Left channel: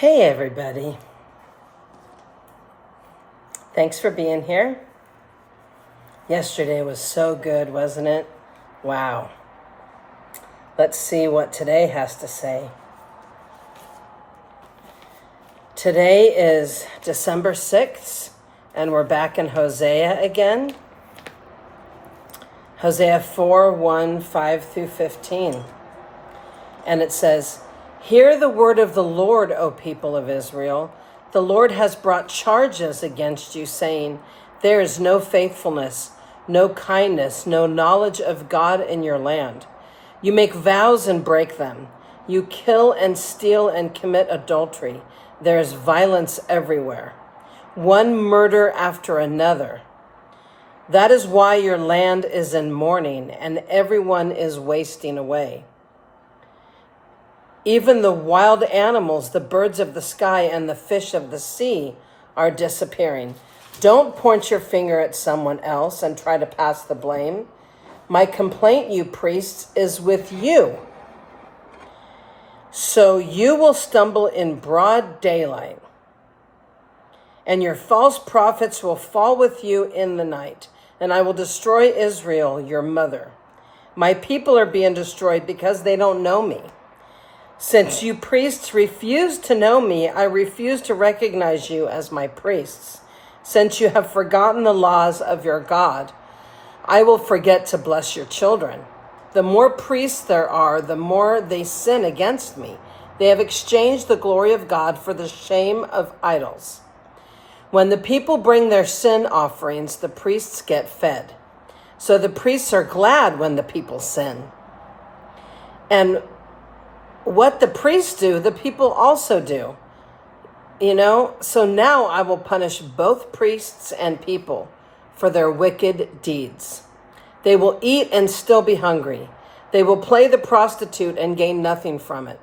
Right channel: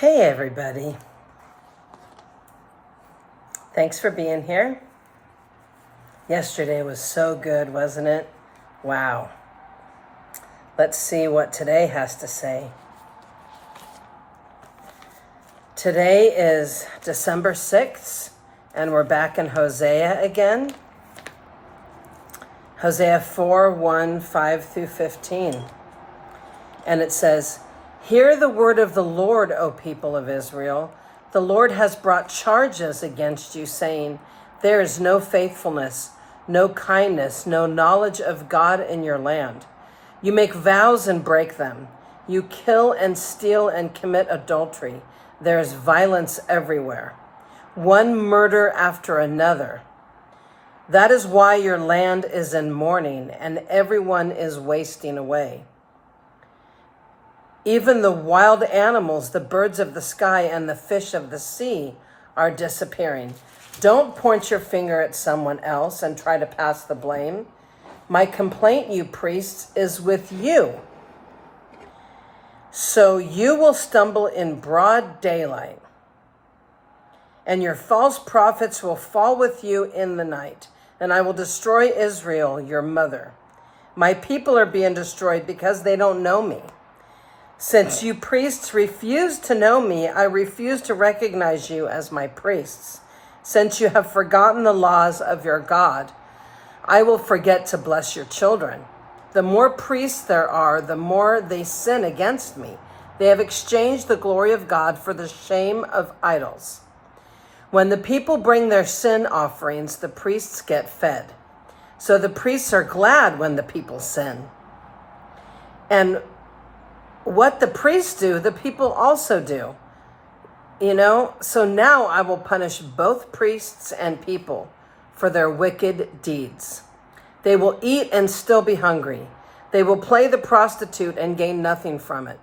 Hey everybody. Thanks for being here. Yesterday was so good, wasn't it? Wow. Let's see what today has to say. Today is December 6th, and we're back in Hosea again. Hosea 4:1-5-15. And it says, "Hear the word of the Lord, O people of Israel. The Lord has brought charges against you, saying, there is no faithfulness, no kindness, no knowledge of God in your land. You make vows and break them. You kill and steal and commit adultery. There is violence everywhere, one murder after another. That is why your land is in mourning and everyone is wasting away. Even the wild animals, the birds of the sky and the fish of the sea are disappearing. Don't point your finger at someone else and try to pass the blame. My complaint, you priests, is with you. So you will stumble in broad daylight, and your false prophets will fall with you in the night, and I will destroy Israel, your mother. My people are being destroyed because they don't know me. Since you priests refuse to know me, I refuse to recognize you as my priests. Since you have forgotten the laws of your God, I will forget to bless your children. The more priests there are, the more they sin against me. They have exchanged the glory of God for the shame of idols. When the people bring their sin offerings, the priests get fed. So the priests are glad when the people sin. And what the priests do, the people also do. So now I will punish both priests and people for their wicked deeds. They will eat and still be hungry. They will play the prostitute and gain nothing from it.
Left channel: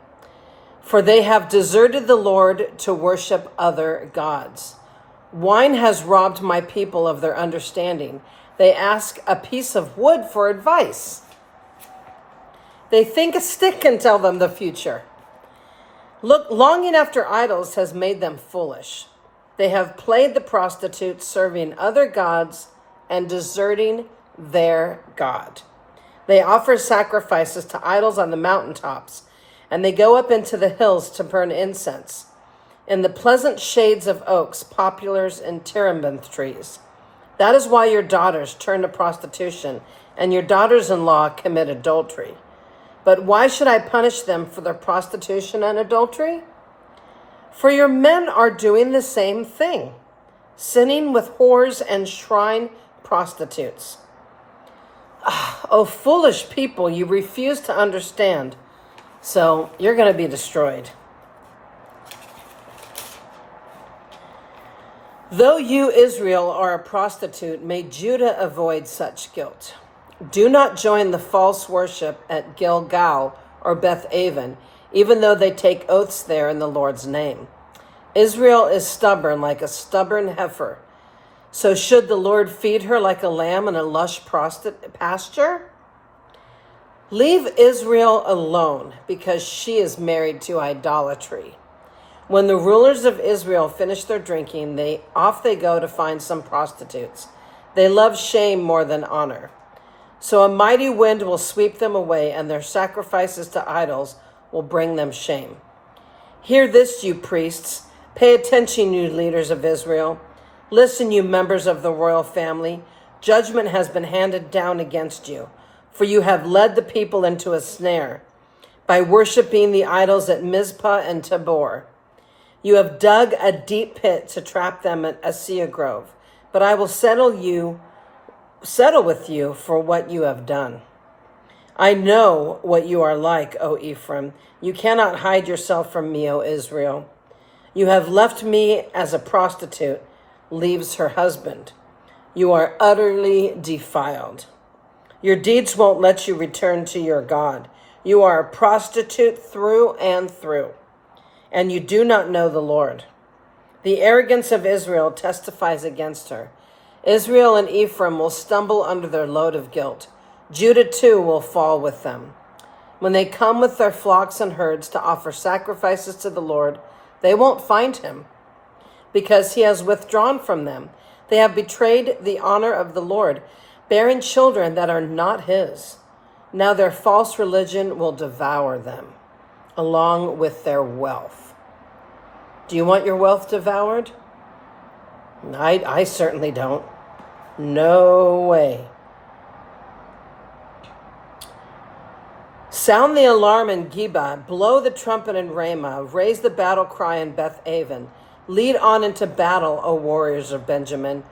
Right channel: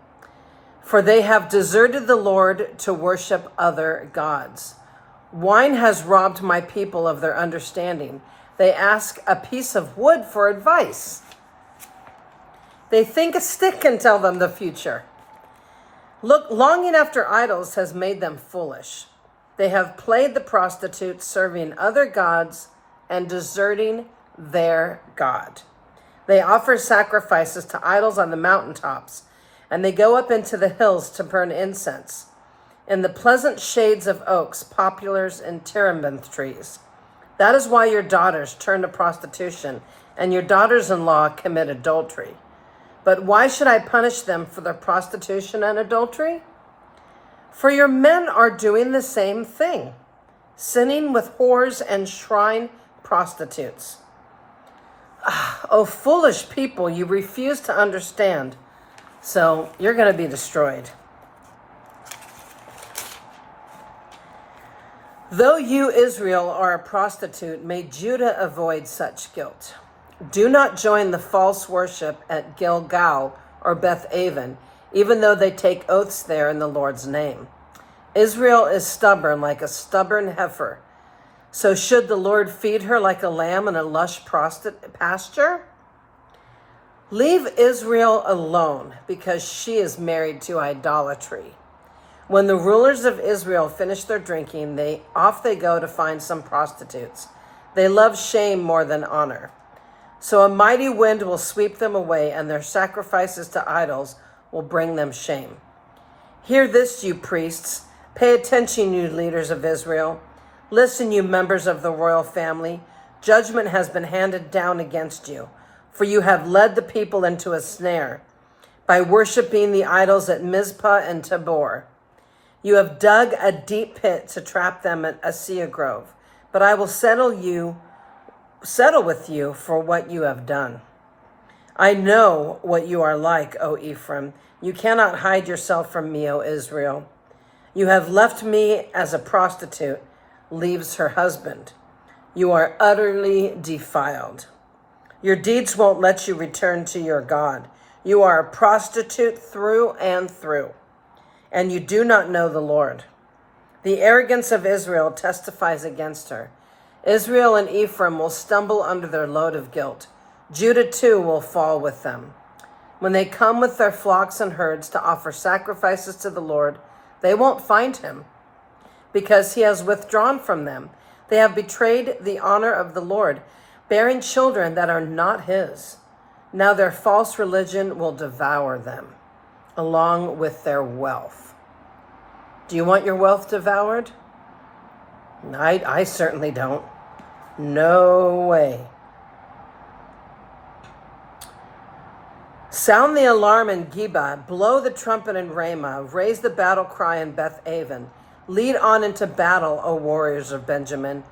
For they have deserted the Lord to worship other gods. Wine has robbed my people of their understanding. They ask a piece of wood for advice. They think a stick can tell them the future. Look, longing after idols has made them foolish. They have played the prostitute, serving other gods and deserting their God. They offer sacrifices to idols on the mountaintops, and they go up into the hills to burn incense in the pleasant shades of oaks, poplars, and terebinth trees. That is why your daughters turn to prostitution and your daughters-in-law commit adultery. But why should I punish them for their prostitution and adultery? For your men are doing the same thing, sinning with whores and shrine prostitutes. Oh, foolish people, you refuse to understand, so you're going to be destroyed. Though you, Israel, are a prostitute, may Judah avoid such guilt. Do not join the false worship at Gilgal or Beth Aven, even though they take oaths there in the Lord's name. Israel is stubborn like a stubborn heifer. So should the Lord feed her like a lamb in a lush pasture? Leave Israel alone because she is married to idolatry. When the rulers of Israel finish their drinking, off they go to find some prostitutes. They love shame more than honor. So a mighty wind will sweep them away, and their sacrifices to idols will bring them shame. Hear this, you priests. Pay attention, you leaders of Israel. Listen, you members of the royal family. Judgment has been handed down against you, for you have led the people into a snare by worshiping the idols at Mizpah and Tabor. You have dug a deep pit to trap them at Assia Grove, but I will settle with you for what you have done. I know what you are like, O Ephraim. You cannot hide yourself from me, O Israel. You have left me as a prostitute leaves her husband. You are utterly defiled. Your deeds won't let you return to your God. You are a prostitute through and through, and you do not know the Lord. The arrogance of Israel testifies against her. Israel and Ephraim will stumble under their load of guilt. Judah too will fall with them. When they come with their flocks and herds to offer sacrifices to the Lord, They won't find him, because he has withdrawn from them. They have betrayed the honor of the Lord, bearing children that are not his. Now their false religion will devour them, along with their wealth. Do you want your wealth devoured? I certainly don't. No way. Sound the alarm in Geba, blow the trumpet in Ramah, raise the battle cry in Beth-aven. Lead on into battle, O warriors of Benjamin.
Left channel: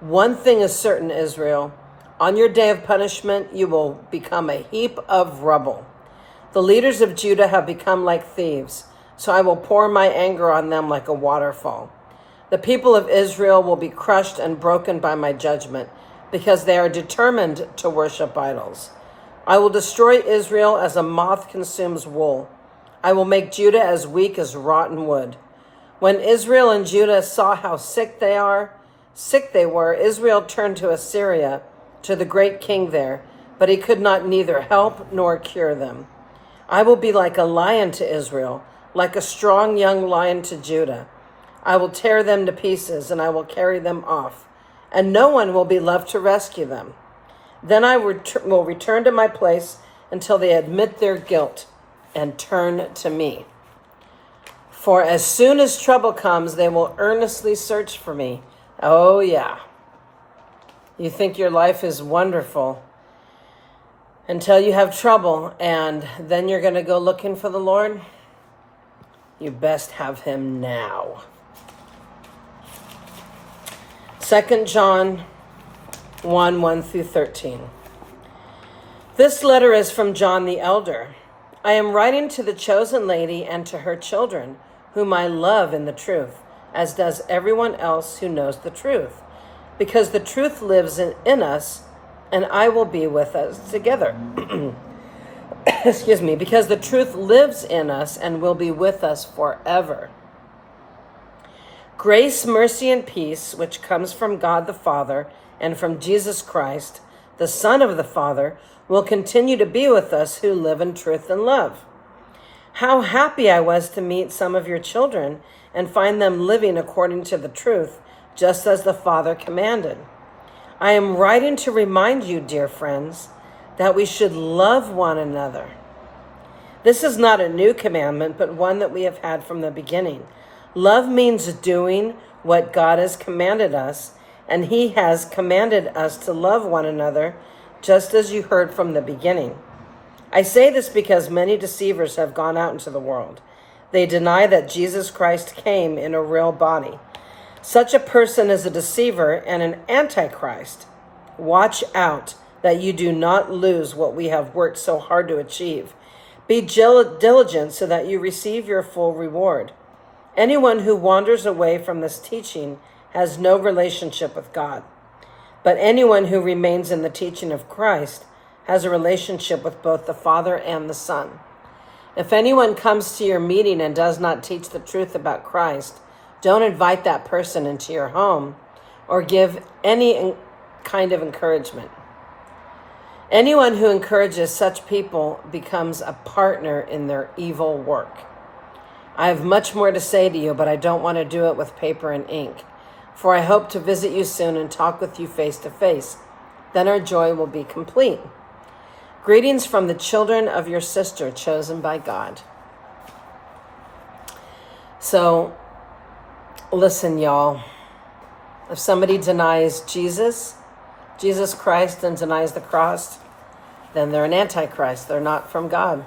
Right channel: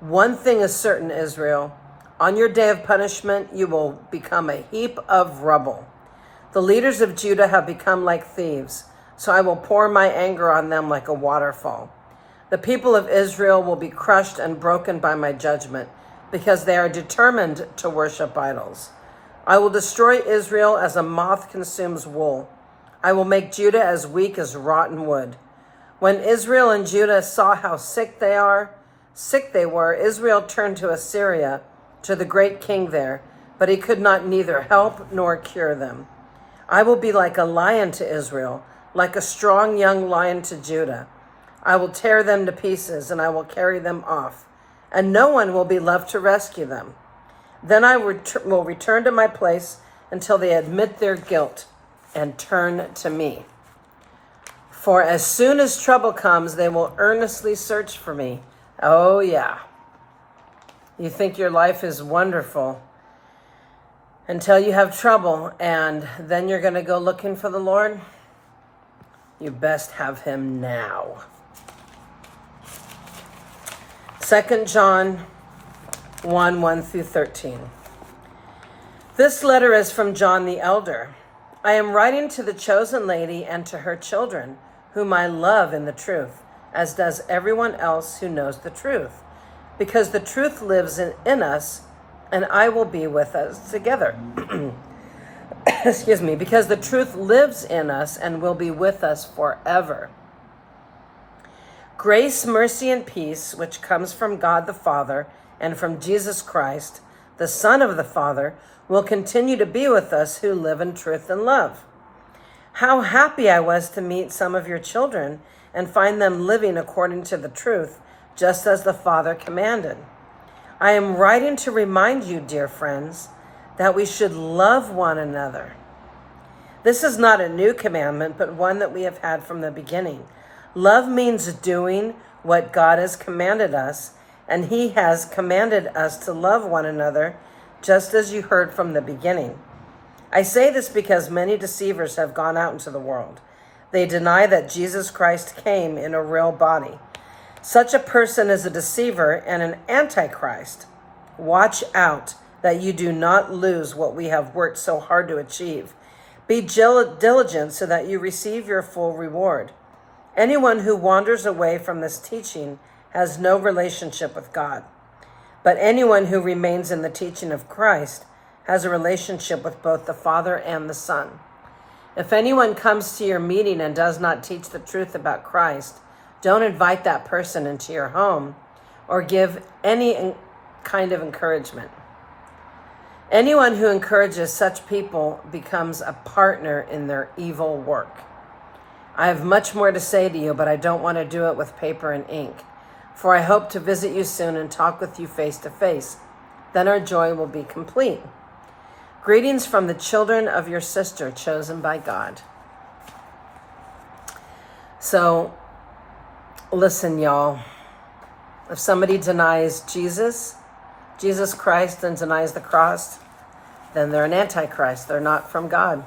One thing is certain, Israel. On your day of punishment, you will become a heap of rubble. The leaders of Judah have become like thieves, so I will pour my anger on them like a waterfall. The people of Israel will be crushed and broken by my judgment, because they are determined to worship idols. I will destroy Israel as a moth consumes wool. I will make Judah as weak as rotten wood. When Israel and Judah saw how sick they were, Israel turned to Assyria, to the great king there, but he could not neither help nor cure them. I will be like a lion to Israel, like a strong young lion to Judah. I will tear them to pieces, and I will carry them off, and no one will be left to rescue them. Then I will return to my place until they admit their guilt and turn to me. For as soon as trouble comes, they will earnestly search for me. Oh, yeah. You think your life is wonderful until you have trouble, and then you're going to go looking for the Lord? You best have him now. 2 John 1:1-13. This letter is from John the elder. I am writing to the chosen lady and to her children, whom I love in the truth, as does everyone else who knows the truth, because the truth lives in us, and I will be with us together. Excuse me, because the truth lives in us and will be with us forever. Grace, mercy, and peace, which comes from God the Father and from Jesus Christ, the Son of the Father, will continue to be with us who live in truth and love. How happy I was to meet some of your children and find them living according to the truth, just as the Father commanded. I am writing to remind you, dear friends, that we should love one another. This is not a new commandment, but one that we have had from the beginning. Love means doing what God has commanded us, and he has commanded us to love one another, just as you heard from the beginning. I say this because many deceivers have gone out into the world. They deny that Jesus Christ came in a real body. Such a person is a deceiver and an antichrist. Watch out that you do not lose what we have worked so hard to achieve. Be diligent so that you receive your full reward. Anyone who wanders away from this teaching has no relationship with God. But anyone who remains in the teaching of Christ has a relationship with both the Father and the Son. If anyone comes to your meeting and does not teach the truth about Christ, don't invite that person into your home or give any kind of encouragement. Anyone who encourages such people becomes a partner in their evil work. I have much more to say to you, but I don't want to do it with paper and ink, for I hope to visit you soon and talk with you face to face. Then our joy will be complete. Greetings from the children of your sister chosen by God. So, listen, y'all. If somebody denies Jesus Christ, and denies the cross, then they're an antichrist. They're not from God.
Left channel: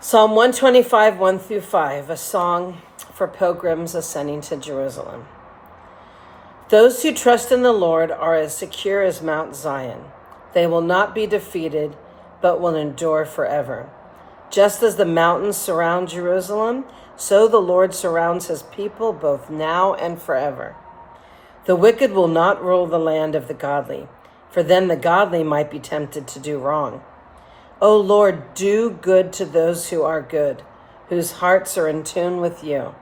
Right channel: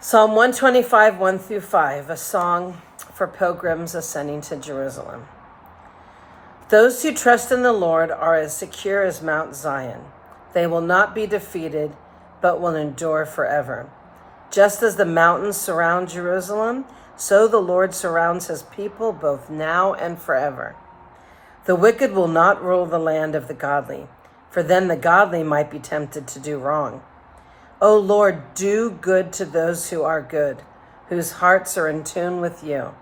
Psalm 125, 1-5, a song for pilgrims ascending to Jerusalem. Those who trust in the Lord are as secure as Mount Zion. They will not be defeated, but will endure forever. Just as the mountains surround Jerusalem, so the Lord surrounds his people both now and forever. The wicked will not rule the land of the godly, for then the godly might be tempted to do wrong. O Lord, do good to those who are good, whose hearts are in tune with you.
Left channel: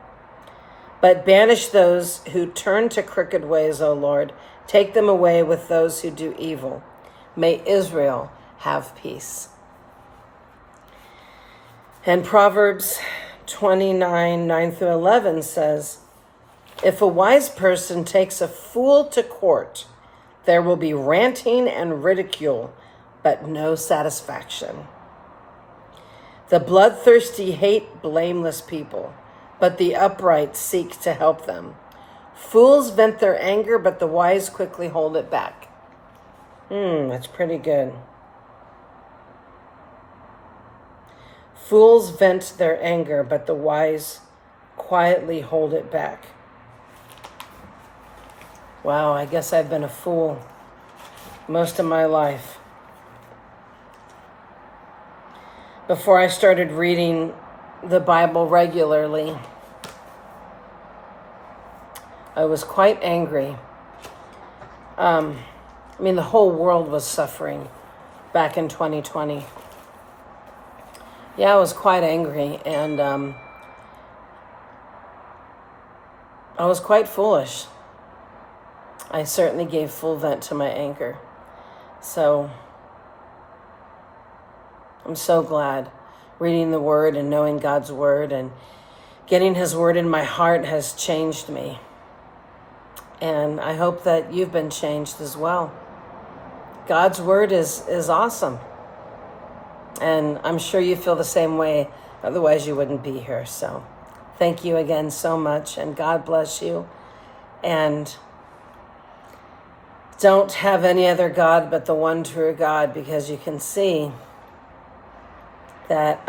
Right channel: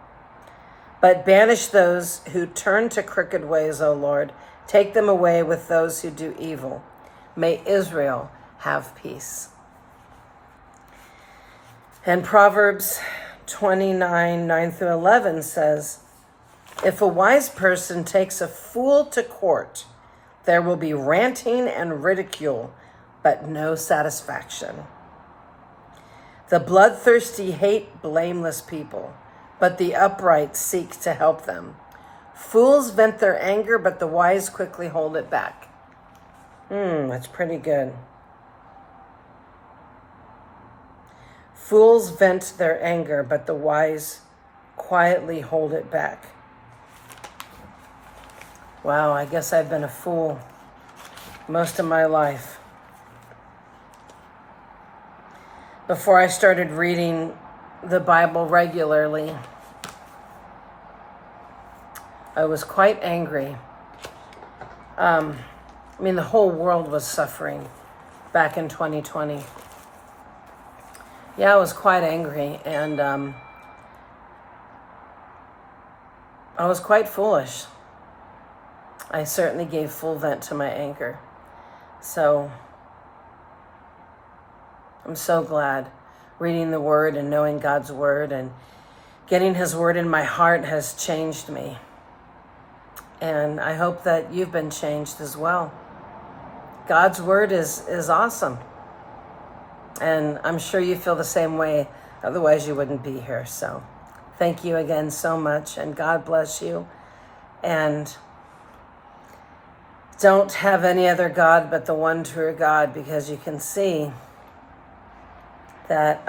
But banish those who turn to crooked ways, O Lord. Take them away with those who do evil. May Israel have peace. And Proverbs 29, 9 through 11 says, if a wise person takes a fool to court, there will be ranting and ridicule, but no satisfaction. The bloodthirsty hate blameless people, but the upright seek to help them. Fools vent their anger, but the wise quickly hold it back. That's pretty good. Fools vent their anger, but the wise quietly hold it back. Wow, I guess I've been a fool most of my life. Before I started reading the Bible regularly, I was quite angry. The whole world was suffering back in 2020. Yeah, I was quite angry, and I was quite foolish. I certainly gave full vent to my anger. So I'm so glad reading the Word and knowing God's Word and getting His Word in my heart has changed me. And I hope that you've been changed as well. God's Word is awesome. And I'm sure you feel the same way, otherwise you wouldn't be here. So thank you again so much, and God bless you. And don't have any other God but the one true God, because you can see that,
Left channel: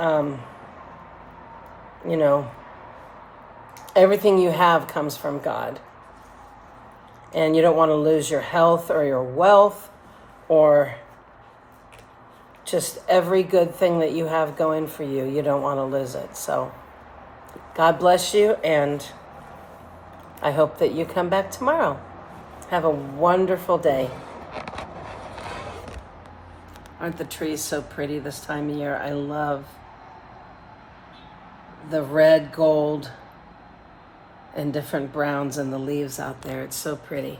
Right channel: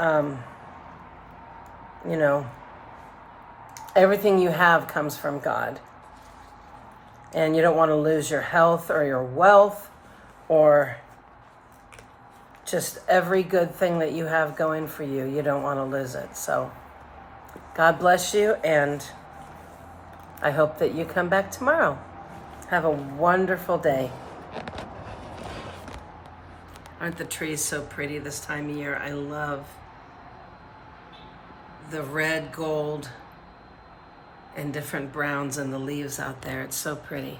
everything you have comes from God. And you don't want to lose your health or your wealth or just every good thing that you have going for you. You don't want to lose it. So God bless you, and I hope that you come back tomorrow. Have a wonderful day. Aren't the trees so pretty this time of year? I love the red, gold, and different browns in the leaves out there. It's so pretty.